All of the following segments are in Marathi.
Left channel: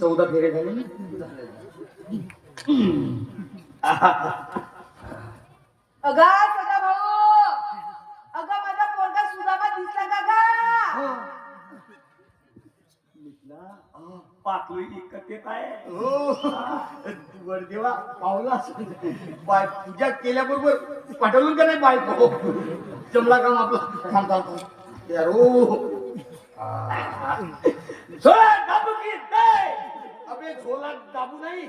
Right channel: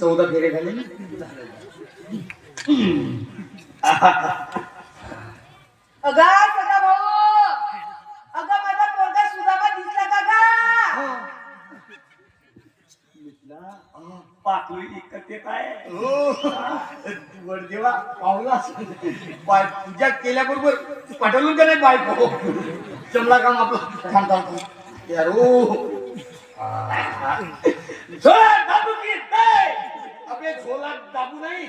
14 फेरे झाले ना. अगा सदा भाऊ, अगा माझा पोरगा सुदामा दिसला का गा? पाकळी इकत येत आहे. वर देवा पावला पूजा केल्याबरोबर पाठवून का नाही बायको जमला काम आपला थांबता यारो दाबू की अबे झोला दाबू नाही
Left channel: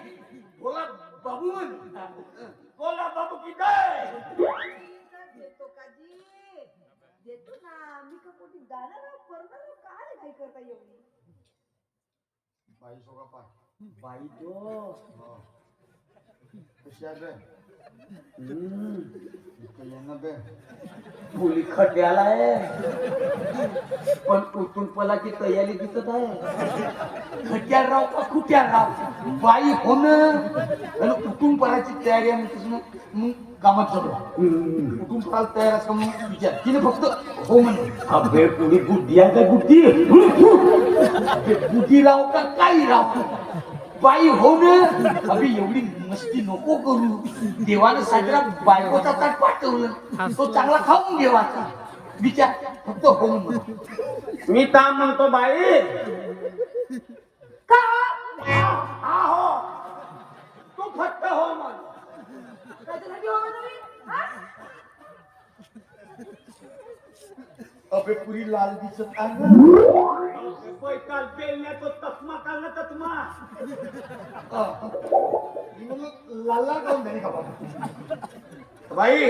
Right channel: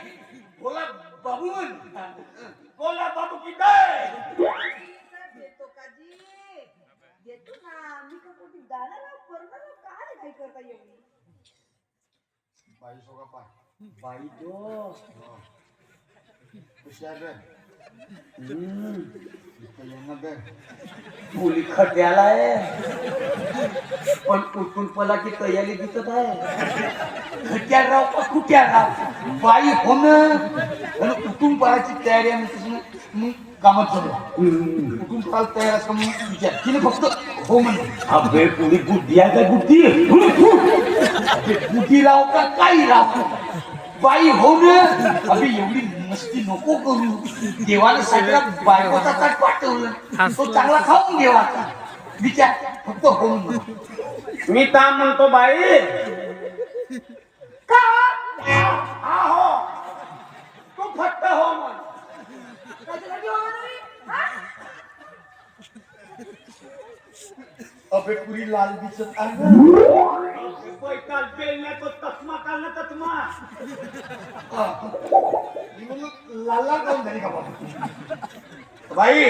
झोला बाबू बोला बाबू की देतो काजी, देतो ना. मी का कोणी गाणं पोरगा काय काय करता एवढी बाई सोगा पाय बाई तो हुशार बे मुली खड्याला आहे पण कुठून पला की तयारी दिसत आहे. खट्या राव का कुट्या राव बाई होणं आणि कुठून पळायची तयारी आहे मग कामात चालू कुठून पळायला तयार असं मग विचार तिने फक्त हो म्हणले. अबे पुढे बुद्धी आहे का बुद्धी बुद्धी राव का काही राव बाई हो ना अभि एवढी मस्ती नको करू. देवाने सगळ्या बायकोचा ताट पाठवलं तो चांगला खाऊन देवाचा विचार फक्त हो म्हणून. मी का म्हणतो बाई का हा हो तू फक्त हो म्हण. अबे पुरी लाल दिसत आहे पैकाल पेलण्याचा तस्मा काढला तस्मा लाल लाल कोण झाली का बाबा बाई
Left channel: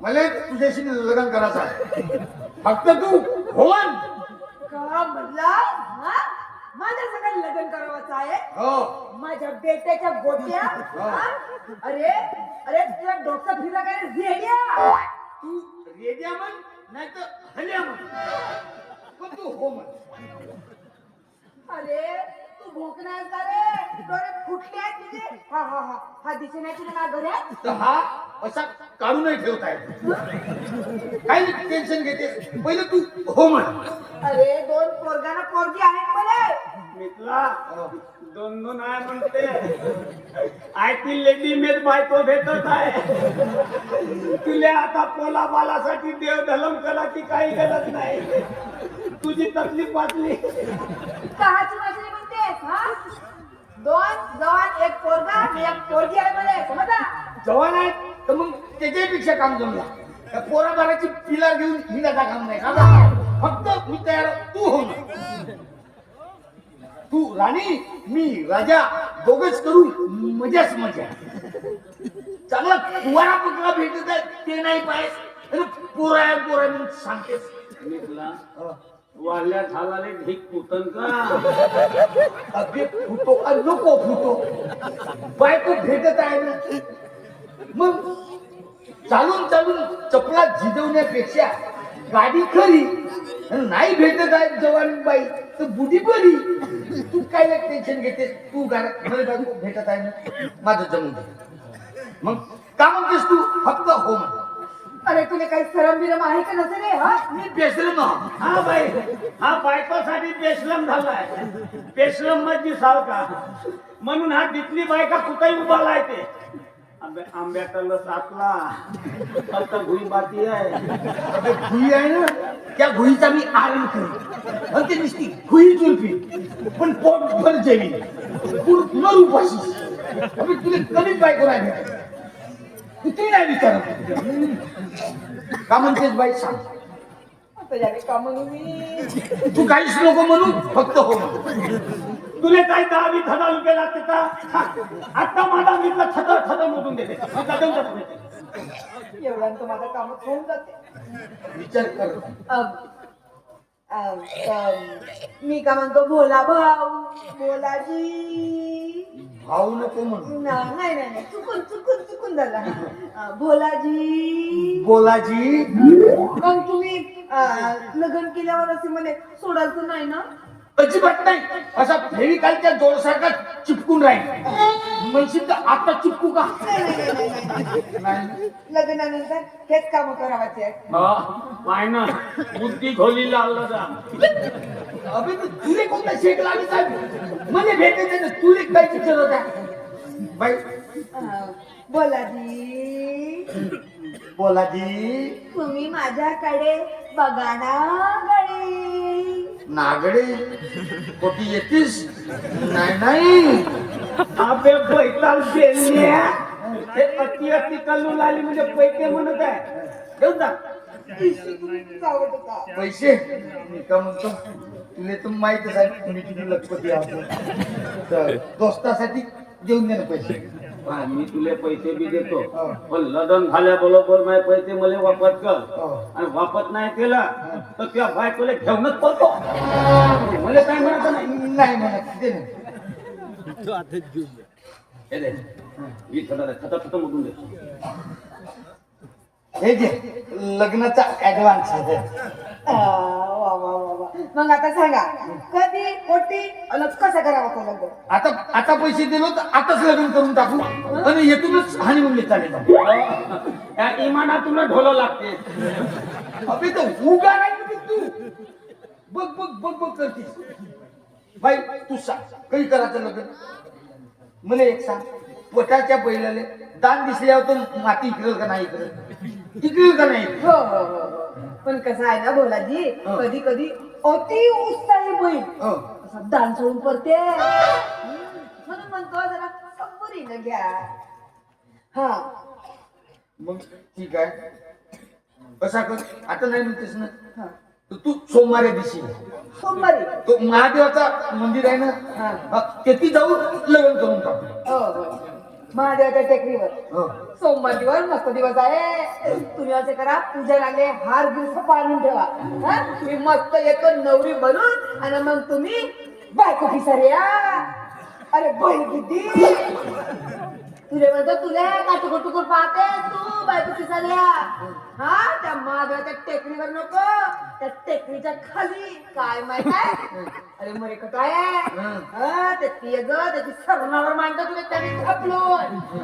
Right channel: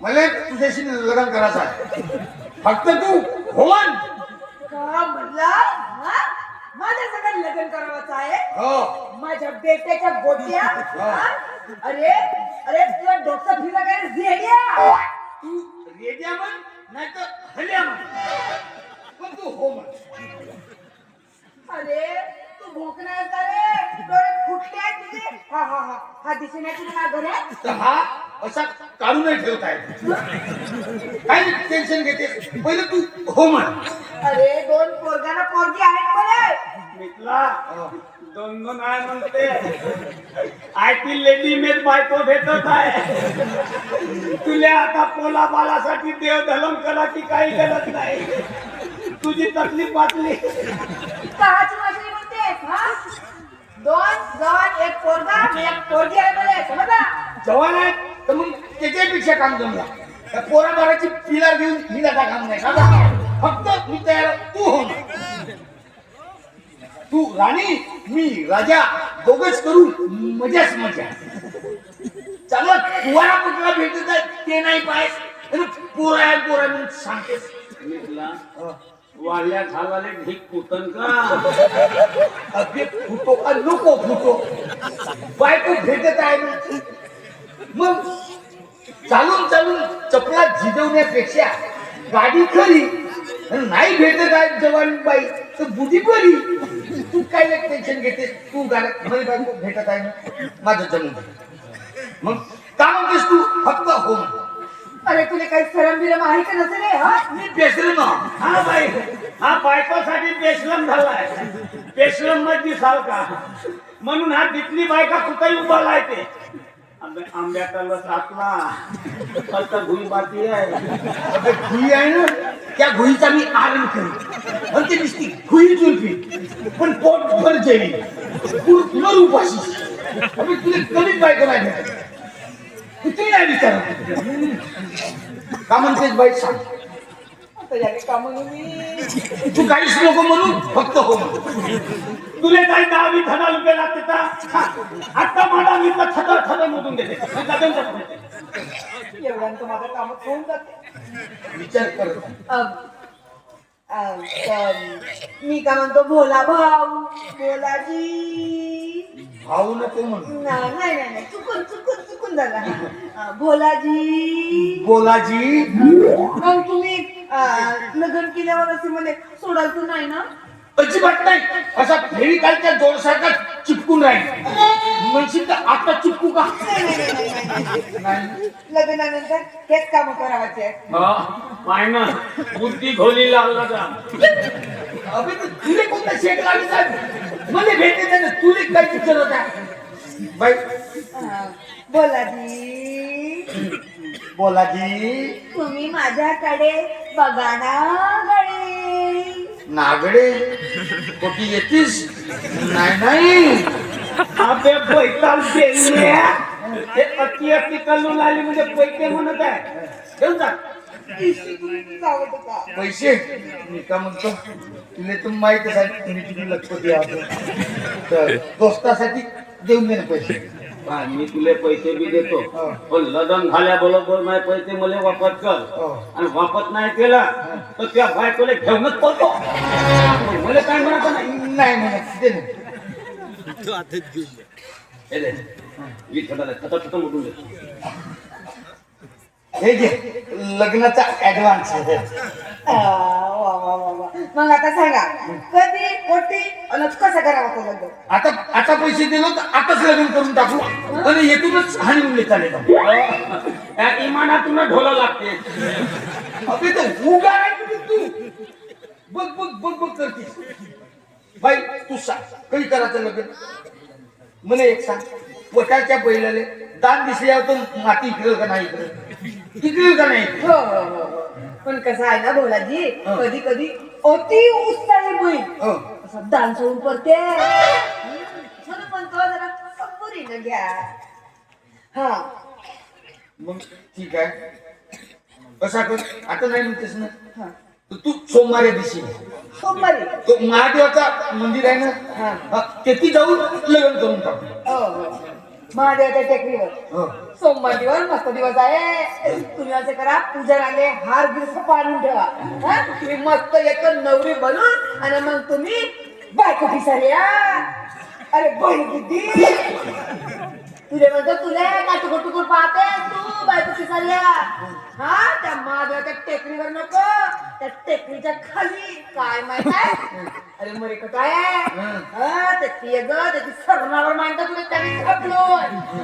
मला तुझ्याशी लग्न करायचं आहे फक्त तू होन का म्हणला? माझ्या सगळं लग्न करायचं आहे. हो माझ्या बेट्याच्या गोट्या. अरे अरे तुला डोकं फिरा काय रेड्या? तू रेड्या म्हण नाही तर हल्या म्हण पण तू हो म्हण. अरे तू भोकण्याचा रे डोळे फुटले आहेत तुझे. हा हा हा हा दिसण्याची ना घरे तर हा असा काढून नाही ठेवताय काय टेन्शन घेते पहिले तू हो म्हण. अरे दोन पोरगाना पोरगी आहेत मला. मितला दोन दोन आहे म्हणते आय ती लेडी मेट बायको भेटत आहे. तुला आता पोला बालासाठी देव धलम करायची काही गरज नाही. तुझी तकलीफ वाचली. काहाची मागणी म्हणतेस हा? दोन एक पोरगा आणि एक पोरगी आहे मला समजा. जवान आहे तर मग त्याच्यापेक्षा काम जमला त्या पोरा बाराची पिला घेऊन हिला काम नाही का फक्त मी तयार तू हो तू राणी मी राजा दोघच करू मजाच मजा. चांगला तुवारा कुठला भेटत आहे ते नाही पाहिजे पोरा आहे पोरा म्हणून सांगतेस. वाल्या झालाले ढीक फुटन का अगदी फुटो का नको फुटो बायको भेटत आहे ना मग चालून चालून चपला झिजवण्यापेक्षा गाडी खरी नाही भेटत आहे जवान बाई तर बुद्धी बरी. तू काय टेन्शन घेतेस तू गाडी बायको भेटत आहे ना माझं जमीन मग का म्हणतेस तू फक्त हो म्हण. अरे तुला काही सरम बिरम आहे का नसेल रे हा? मी बेसलम हा बाई हा बायकोसाठी बेसलम झालाय. बेसलम मध्ये दिसाल का म्हणून हा तिथली बायका कुठेही उभा लायते. आंब्याचा लस आतला फक्त भुई बाती आहे भुई आहे ना त्या भुईचा मी आराम करेन पण ते नुसती भुई चुरपी पण पोट भर जेवी पूर्ण उपाशी तुला कधीच बायको नाही भेटत. किती नाही विचारत का म्हणतेस बाई सांग. का म्हणू मी तू काहीच नको म्हणू फक्त हो तुला काही 10-20 हजार रुपये लागते का आता मला मी छतर छतर मोजून देते एवढ्यांचं माझं काम होऊन जाते. विचार कर. मी का म्हणतो भोला भाऊ भोलाजी भाऊ नको म्हणू नाही नाही नाही चुकून चुकून चुकून झाला. भोलाजी बोलाजी मग तुम्ही लग्न केल्यावर असे म्हणे सोडायचं नाही ना. अजिबात नाही. असा फेविकॉलच्या जोरसारखा चिपकून राहील. म्हणशील तर आता चिपकू का? नाही. लग्नानंतर हेच काम करावाचे आहेत. हा, पाय ना बुद्धी खोली लागला का? अबे ते तुले कोणता शेक लागत आहे? मला भेटायचं ना, तुले काय विचार होत्या बाई? बोला जी, बोला जी. तुम्ही माझ्याकडे बघा ना गडे. नागडे कोटी येतीस? नाही नाही. अबे बैताल गेल्या. हे अति अति कल्लून आली म्हणजे पैसे म्हणत आहे. घेऊन जा जावं का? पैसे. मी का म्हणतो तुला तर माहिती आहे मी किती लखपती आहे. दोस्तासाठी देऊन दे ना पैसे. हा, मी तुला पैसे बी देतो, पण लग्न झाल्याबरोबर नाही पैसे मला वापस कर. आणि वापस नाही केला तर त्या बायकोला घेऊनच पडतो. मला काय म्हणत नाही म्हणत दे ना. हे दे. खतम उठून दे. हे घे लग्नाचा ऍडव्हान्स. वा वा वा वा. मग आता सांगा कधी कोटी आणि कसं करावं तो लग्न? आता पैसे दिलो तर आताच लग्न करून टाकू आणि येथूनच हानी चालेल. त्या इमानातून ढोलं लागते. अबे तर उगा नाही तू. बघ बघ बघ बघ करतीस. बाई तू सांग कधी करायचं लग्न? मला एक सांग. पोटाच्या बैलाले दान दिसल्यावर तर माती इकडेल का नाही? इकडेल का नाही? हो हो हो हो. पण कसं आहे ना भोलाजी, कधी कधी अति उत्साही होईल हो. असं दान सोडून पडते. म्हणून म्हणतो जरा संपुरीनं घ्या. हा मग ठीक आहे. कसा कर आता नाही म्हणतेस ना, हा. तर तू सोमवारी दिवशी सोमवारी. तो महादेवाचा मंदिर आहे ना, हा. तेथे जाऊन लग्न करून टाकू. हो हो. महादेवाच्या टेकडीवर हो. सोमवार मस्त दिवस आहे. तुम्ही असे करा, पूजनाने हार गिर पाडून ठेवा. हा? तुम्ही मस्त येतो नवरी बनून आणि मग तुम्ही बायको पिसाऱ्या. अरे बहीण किती तुले म्हणतो तुले काटुकुर पाहते तू बायको पिसाऱ्या. हा त्या महादेवाच्या टेकडीवर नको, त्या टेकडीच्या खाली काय माहित आहे? अरे मरे काय हा ते पिय ग त्याची सरणावर मांडतो तुला त्याने छापलो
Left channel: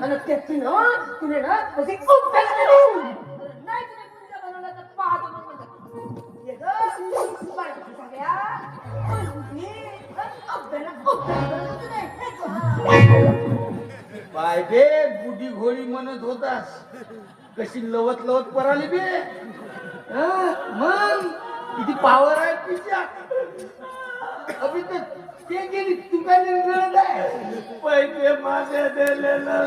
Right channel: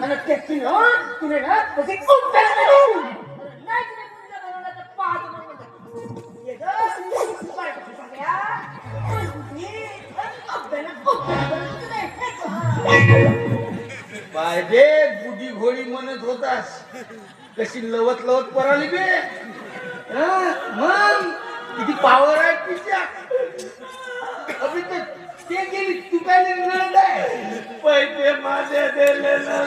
आणि त्याची ना तुले ना तशी खूप नाही तुला मुलगा बनवला तर पाहतो मग म्हणतो ये ग बायको पिसाऱ्या. काय बे बुढी घोडी म्हणत होतास, कशी लवत लवत पराली बे. मग किती पावर आहे तिच्या. अभि ते गेली तू काय निर्णय? पैसे माझे दिलेलं